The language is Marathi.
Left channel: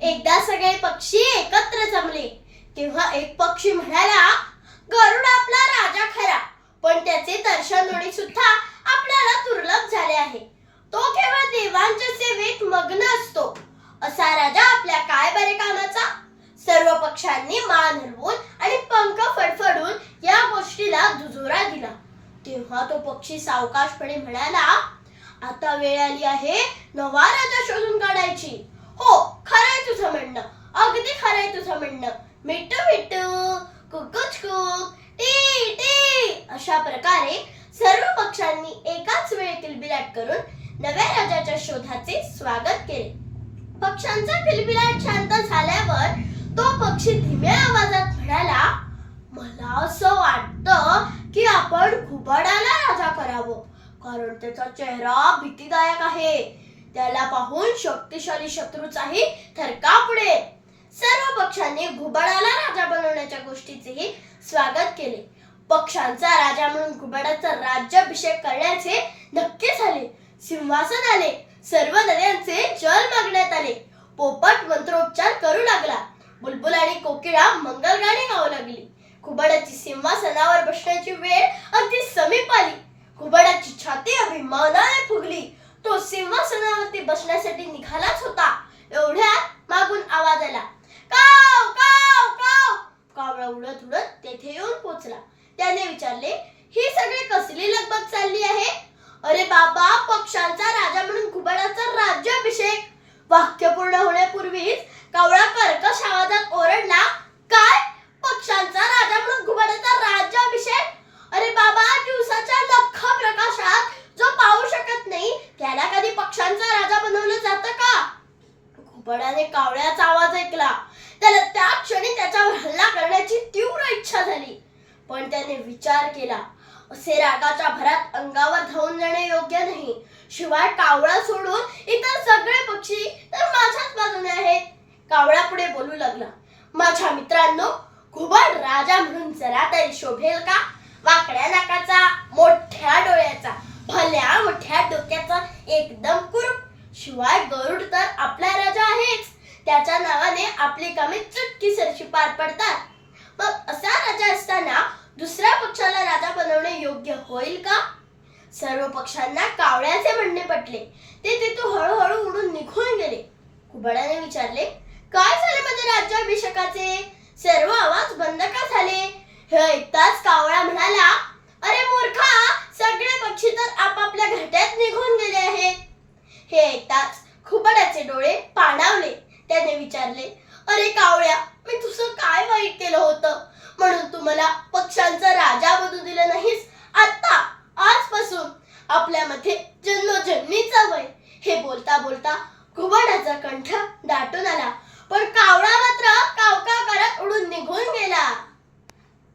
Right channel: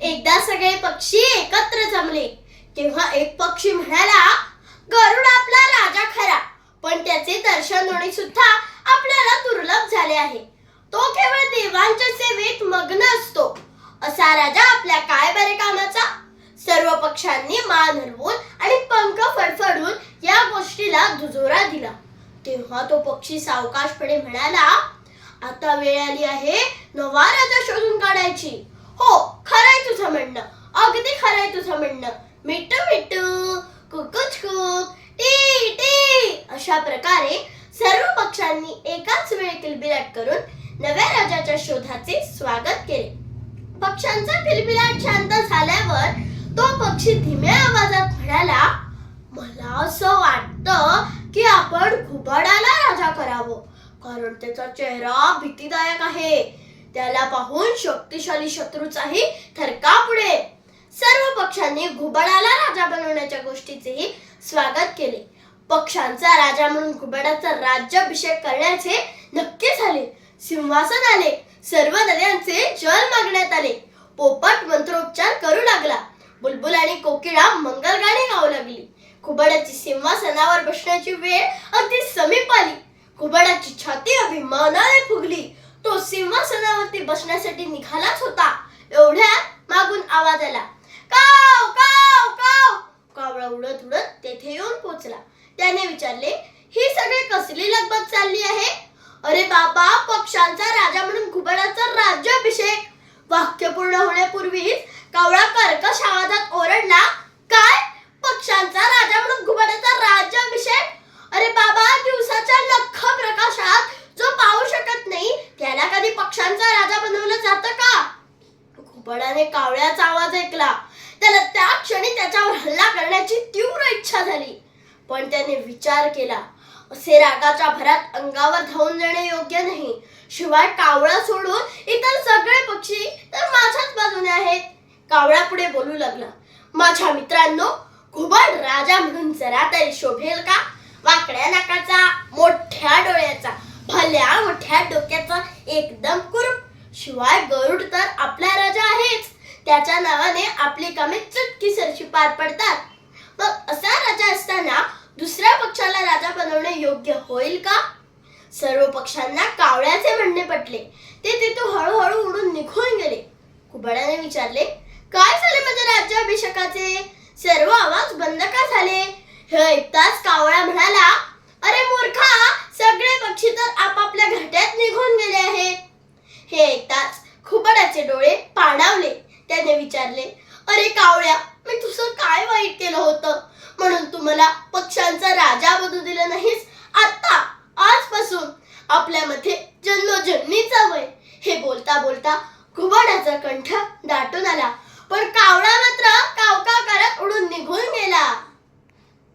एकदा सगळे पक्षी एकत्र जमले. तेव्हा एक पक्षी म्हणाला गरुड आपला राजा खरा पण त्याचे दर्शन होणे सुद्धा आपल्याला दुर्लभ झाले आहे. तो केवळ देवांच्या सेवेत मग्न असतो. असा राजा आपल्या काय बरे कामाचा? सर्व पक्षांनी मान हलवून आणि पंख फडफडून या गोष्टीला दुजोरा दिला. तेव्हा तो पक्षी सावकाशपणे म्हणाला आता वेळ आली आहे नवा राजा शोधून काढायची. हो खरंय अगदी खरंय तुझं म्हणणं. मिट्टू मिट्टू कुकुच कुक टी टी. अशा प्रकारे सर्व पक्षांनी एकाच वेळी किलबिलाट करून नव्या राजाच्या शोधाचे स्वागत केले. पक्ष्यांचा किलबिलाट शांत झाल्यावर तो पक्षी धीम्या आवाजात म्हणाला मला असं वाटतं की आपण घुबडाला राजा करावं कारण त्याचा चेहरा भीतीदायक आहे. त्याला पाहून शक्तिशाली शत्रूचाही थरकाप उडेल. सर्व पक्षांनी घुबडाला राजा बनवण्याच्या गोष्टीचेही स्वागत केले. पक्षांचा राजा म्हणून घुबडाचा राज्याभिषेक करण्याचे नक्की झाले. सिंहासन आले. सर्व नद्यांचे जल मागण्यात आले. पोपट मंत्रोपचार करू लागला. बुलबुल आणि कोकिळा मंगलगाणी गाऊ लागली. घुबडाची सिंहासनावर बसण्याची वेळ अगदी समीप आली. घुबडाची छाती अभिमानाने फुगली. तो सिंहासनावरती बसण्यासाठी निघालाच होता. एवढ्या मागून आवाज आला. पोहोचला. त्याने विचारले ही सगळी कसली लगबग चालली आहे? अरे बाबा पक्षांचा राजा म्हणून घुबडाचा राज्याभिषेक. वाक्य पूर्ण होण्यापूर्वीच कावळा कर्कश आवाजात ओरडला काय? पक्षांचा राजा म्हणून घुबडाचा राज्याभिषेक? अरे बाबा दिवसाच्या लख प्रकाशात जो पाहू शकत नाही त्याला कधी पक्षांचा राजा बनवलं जातं का? घुबडाने कावळ्याचा आवाज ऐकला. त्याला त्या क्षणी त्याच्यावर हल्ला करण्याची तीव्र इच्छा झाली. पण त्याने विचार केला असे रागाच्या भरात अंगावर धावून जाणे योग्य नाही. शिवाय कावळा सोडून इतर सगळे पक्षी तर माझ्याच बाजूने आहेत. कावळा पुढे बोलू लागला माझ्या मित्रांनो घुबड राजा म्हणून जरा तरी शोभेल का? वाकड्या नाकाचा मोठ्या डोळ्याचा भल्या मोठ्या डोक्याचा एकदम कुरूप. शिवाय गरुड तर आपला राजा आहेच. त्याच्या नावाने आपली कामे चुटकीसरशी पार पडतात. मग असा राजा असताना दुसऱ्या पक्षाला राजा बनवणे योग्य होईल का? सर्व पक्षांना कावळ्याचे म्हणणे पटले. ते तिथून हळूहळू उडून निघून गेले. कुबड्याने विचारले काय झाले माझ्या राज्याभिषेकाचे? सर्व आवाज बंद का झाले? हे ऐकताच कावळा म्हणाला अरे मूर्खा सगळे पक्षी तर आपापल्या घरट्यात निघून गेले आहेत. हे ऐकताच खुबडाचे डोळे पाणावले. त्याने विचारले अरे कावळ्या मी तुझं काय वाईट केलं होतं? म्हणून तू मला पक्षांचा राजा बनू दिला नाहीस. आता आजपासून आपल्यामध्ये जन्मोजन्मीचा वय. हे बोलता बोलता घुबडाचा कंठ दाटून आला.